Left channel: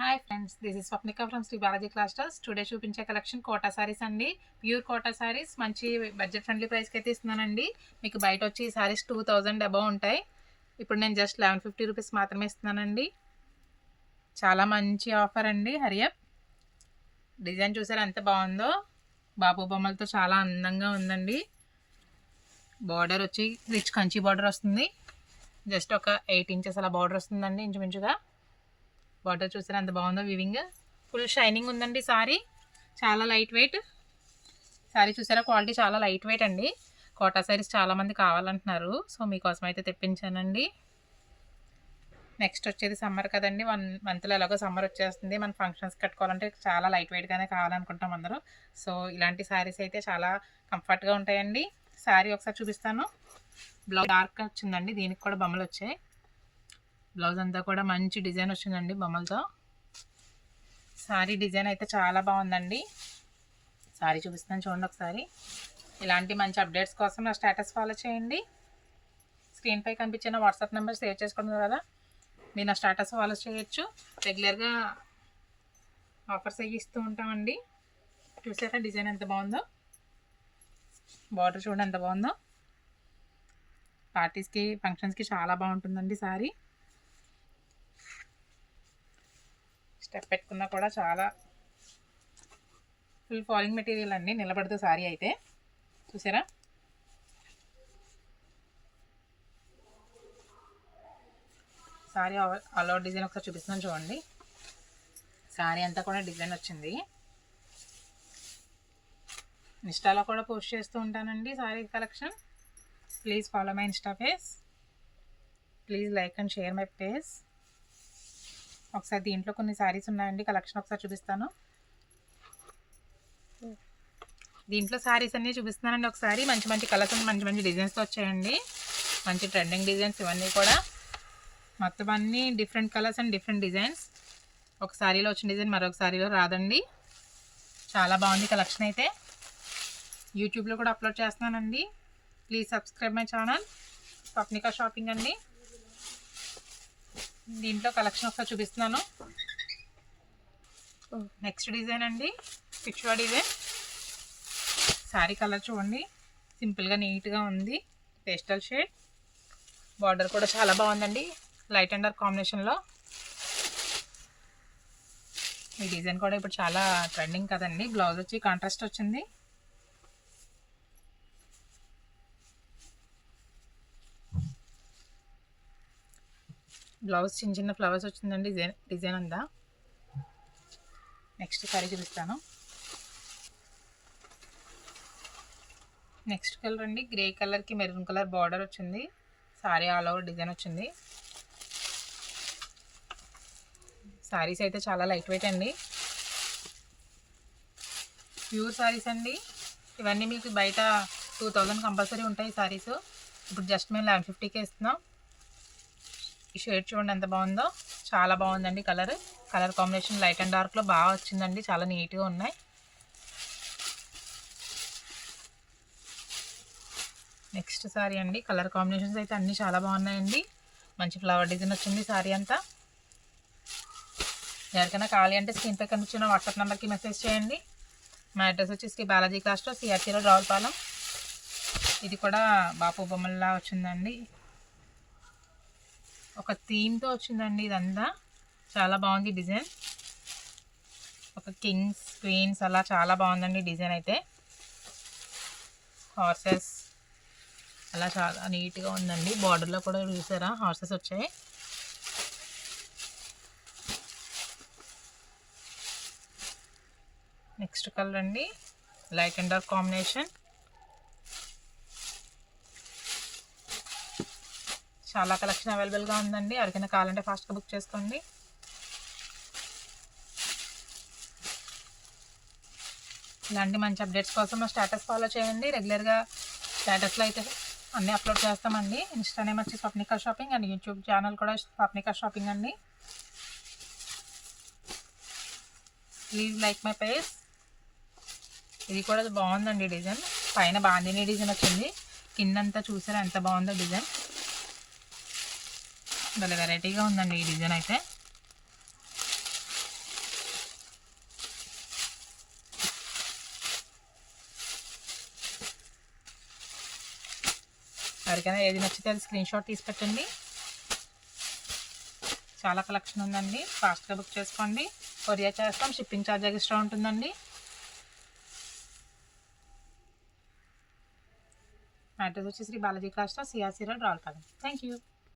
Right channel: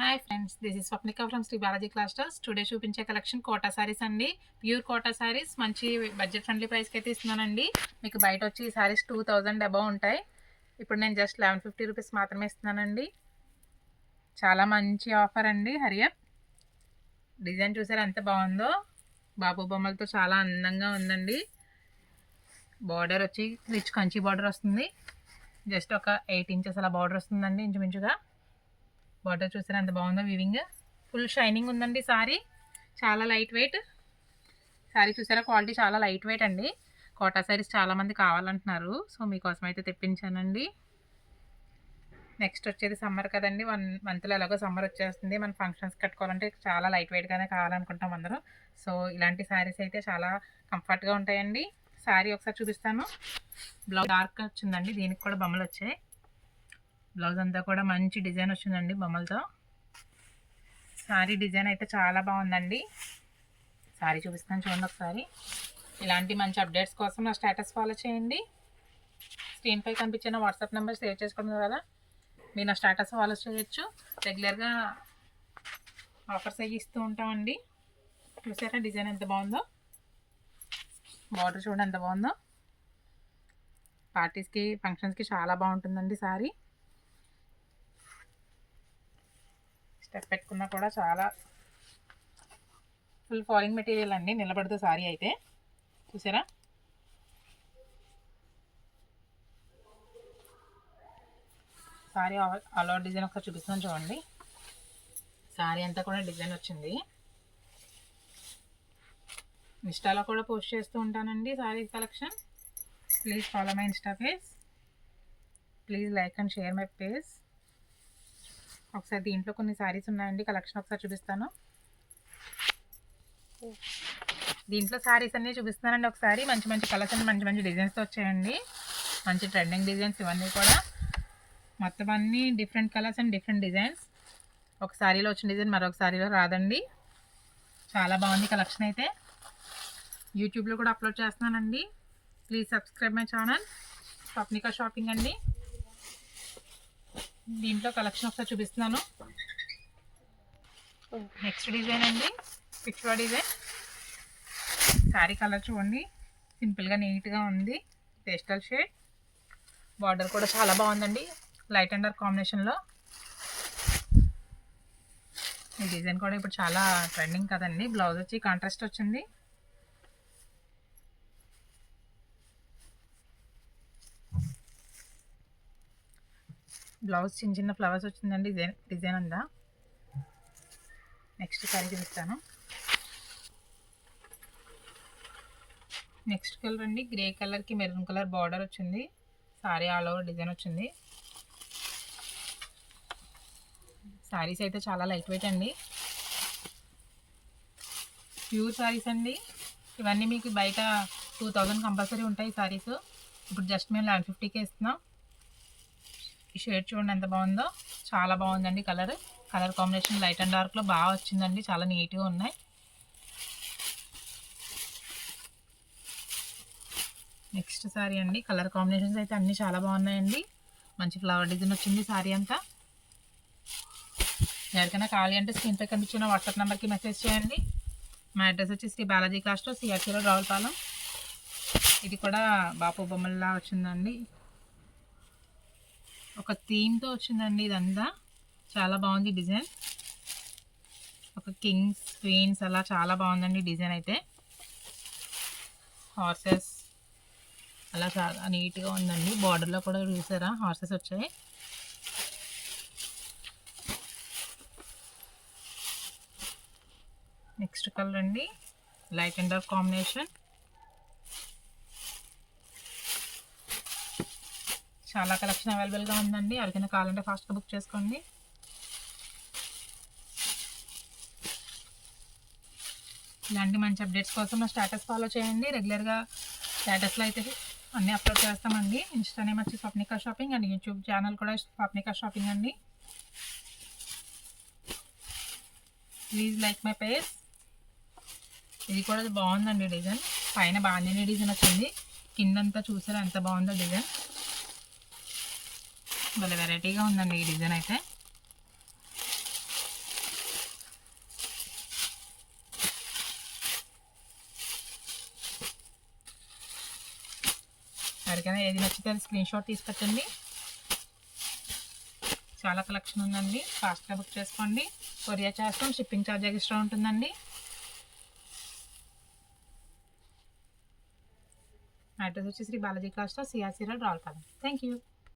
Hi friends, this is Swapnika from Sri Balaji clusters. Today చూపించే collection Kota saris అండి. Pure quota saris మంచి budget friendly ప్రైస్కి అయితే ఇస్తున్నానండి. మీకు బయట వచ్చి ఈ సారీస్ 2000 అబౌవ్ ఉంటాయి. ఇప్పుడు నేను జస్ట్ 1150 రూపీస్ మాత్రమే ఇస్తున్నానండి. చాలా మంచి ఆఫర్ అండి. హరియప్. డిజైన్ చూసారా ఎంత బాగుందో. బాబు బొమ్మలతో చాలా అందంగా ఉందండి. బార్డర్ వచ్చి రిచ్ కంచి బార్డర్ వస్తుంది. జస్ట్ ఒక 8 ఇంచెస్ అలా బార్డర్ వస్తుందండి ఇంచుమించుగా. బార్డర్ చూసారా ఎంత బాగుందో. వివింగ్ ఫుల్ షైనింగ్ ఉందండి. సారీ చాలా లైట్ వెయిట్. సారీ చూసారా క్వాలిటీ చాలా లైట్ వెయిట్ అండి. కోటా సారీస్ చాలామంది కావాలంటున్నారు, సో మీకోసం అయితే తెప్పించానండి. నెక్స్ట్ వచ్చేది సమ్మర్ కదండి, 1 మంత్లో ఎలాగో సమ్మర్ వచ్చేస్తుంది. మన ఫంక్షన్స్ కట్టుకోవాలంటే చాలా లైట్ వెయిట్గానే కావాలనుకుంటాం అందరూ. సో ఇలాంటి శారీస్ అయితే చాలా కంఫర్ట్గా ఉంటాయండి. శారీ ఒకసారి చూపిస్తాను. బ్లౌజ్ డార్క్ వచ్చిందండి, దీనికి కూడా బొమ్మలు వచ్చాయి. బ్లౌజ్ అంతా కూడా మంచి డిజైన్ వచ్చిందండి బొమ్మలతో. శారీ డిజైన్ అయితే చాలా బాగుందండి. శారీ చూపిస్తాను చూడండి ఒకసారి. ఇలాంటి మంచి అప్డేట్స్ కోసం నా స్టేటస్ ఫాలో చేయండి. స్క్రీన్పై కనిపించిన వాట్సాప్ నెంబర్ సేవ్ చేసుకున్నారు కదా, మీరు నా స్టేటస్ ఫాలో చేయొచ్చు. రెగ్యులర్గా ఆఫర్స్ అవి ఇస్తూ ఉంటామండి. చూసారా డిజైన్ ఎంత బాగుందో. బార్డర్ చూడండి ఎంత బాగుందో. పార్టీస్కి ఫంక్షన్స్కి చాలా బాగుంటుందండి సారీ. స్టెప్ పెట్టుకున్నా కూడా చాలా ఫుల్ ఫాలింగ్ మెటీరియల్ అండి, నిలబడదు సారీ అయితే. చూసారా సారీ ఆల్ ఓవర్ డిజైన్ ఒకసారి చూపిస్తున్నాను చూడండి. సారీ అంతా కూడా డిజైన్ వచ్చింది. ఇన్స్టాలో కూడా పోస్ట్ చేస్తూ ఉంటానండి sorry collection. Please follow my Insta page. Please like and share my page. ఒకసారి దీంట్లో కొన్ని శారీస్ ఉన్నాయండి, కలెక్షన్ ఒకసారి చూపిస్తాను. దీంట్లో శారీస్ అన్నీ చూపిస్తున్నానండి ఒకసారి. మంచి మంచి కలర్స్ అండ్ మంచి మంచి డిజైన్స్తో వచ్చాయండి. మంచి ట్రెండింగ్ డిజైన్స్ ఇవన్నీ కూడా. మొత్తం అన్నీ different colours and different designs. ఒక శారీలో వచ్చిన డిజైన్ మరొక శారీలో రాదండి. చాలా బాగుంది కలెక్షన్ అయితే. యూట్యూబ్లో కూడా అప్లోడ్ చేస్తున్నానండి. Please subscribe my channel Swapnika shopping అండి. దీంట్లో కలెక్షన్ ఒకసారి చూపిస్తున్నాను. నెక్స్ట్ డిజైన్ అండి, పిచ్వా డిజైన్. శారీ కలర్ చూడండి, సింపుల్గా నీట్గా ఉంది. Pastel shade. బార్డర్ కూడా చాలా బాగుందండి, లైట్ అండ్ డార్క్ కాంబినేషన్లో. ఈ డిజైన్ కూడా ఇప్పుడు చాలా ట్రెండింగ్ కదండి. బ్లౌజ్ వచ్చి కాంట్రాస్ట్ వచ్చింది. బ్లౌజ్ చిన్న చిన్న ఫ్లవర్స్ వచ్చిందండి డిజైన్ అంతా. నెక్స్ట్ సారీ చూపిస్తాను. నెక్స్ట్ కలర్ అండి, గ్రే కలర్కి మెరూన్ కలర్ బార్డర్ వచ్చింది. సారీ ఆల్ ఓవర్ డిజైన్ వచ్చింది. సారీస్ అయితే చాలా లైట్ వెయిట్ అండి, ప్యూర్ సారీస్ అండి. ఇవన్నీ మీకు బయట 2000 కంపల్సరీ ఉంటాయి సారీస్. ఇప్పుడు జస్ట్ మేము 1150కే ఇస్తున్నాం. ఈ షేడ్ చూడండి ఎంత బాగుందో. చాలా బాగుందండి కలర్ కాంబినేషన్. లైట్ అండ్ డార్క్లో బాగా వచ్చిందండి, చాలా నీట్గా ఉన్నాయి. నెక్స్ట్ సారీ అండి, కలర్ కాంబినేషన్స్ అయితే అన్నీ చాలా బాగున్నాయండి. మంచి ఫ్లవర్ డిజైన్ వచ్చింది సారీ అంతా. ఎవరికైనా కావాలి అంటే స్క్రీన్పై కనిపించిన వాట్సాప్ నెంబర్కి మెసేజ్ చేయండి. మా అడ్రస్ వచ్చి శ్రీ బాలాజీ క్లాస్టర్స్, సిఆర్సీ రోడ్, రావులపాలెం. ఇది కూడా బాపు బొమ్మల్లా వచ్చిందండి, ఒక థీమ్తో వచ్చిందండి ఇదంతా. చాలా బాగుంది డిజైన్. ఒక కింగ్స్ క్వీన్స్ అలా చాలా బాగుందండి డిజైన్ అయితే. హార్సెస్ అలా చాలా నీట్గా ఉందండి. బార్డర్లో కూడా చూసారా హార్సెస్ వచ్చాయి. నెక్స్ట్ కలర్ అండి, లైట్ అండ్ డార్క్ కాంబినేషన్. చాలా కలెక్షన్ అవైలబుల్గా ఉందండి, ఎవరికైనా కావాలంటే ఫాస్ట్గా బుక్ చేసుకోండి. ఇలాంటి మంచి అప్డేట్స్ కోసం మా స్టేటస్ ఫాలో చేయండి. రెగ్యులర్గా స్టేటస్లో అయితే అన్నీ అప్లోడ్ చేస్తామండి. ఇన్స్టా నేమ్ వచ్చి Swapnika shopping and YouTube channel కూడా స్వప్నిక షాపింగ్ అండి. Please like my page. ఇది కూడా బాగుందండి డిజైన్. పైన బాందిని డిజైన్ వచ్చింది, కిందంతా చూసారా ఎంత బాగుందో డిజైన్. భలే వెరైటీగా ఉందండి ఈ డిజైన్ అయితే. ఎవరికైనా ఏది నచ్చితే అది స్క్రీన్ షాట్ తీసుకొచ్చండి. చాలా కలెక్షన్ ఉందండి. ఫాస్ట్గా బుక్ చేసుకోండి. కొరియర్ చేస్తాం. షిప్పింగ్ ఛార్జ్ ఎక్స్ట్రా ఉంటుందండి. అడ్రస్ వచ్చి Shri Balaji class store, CRC road, Ravulapalem. Thank you.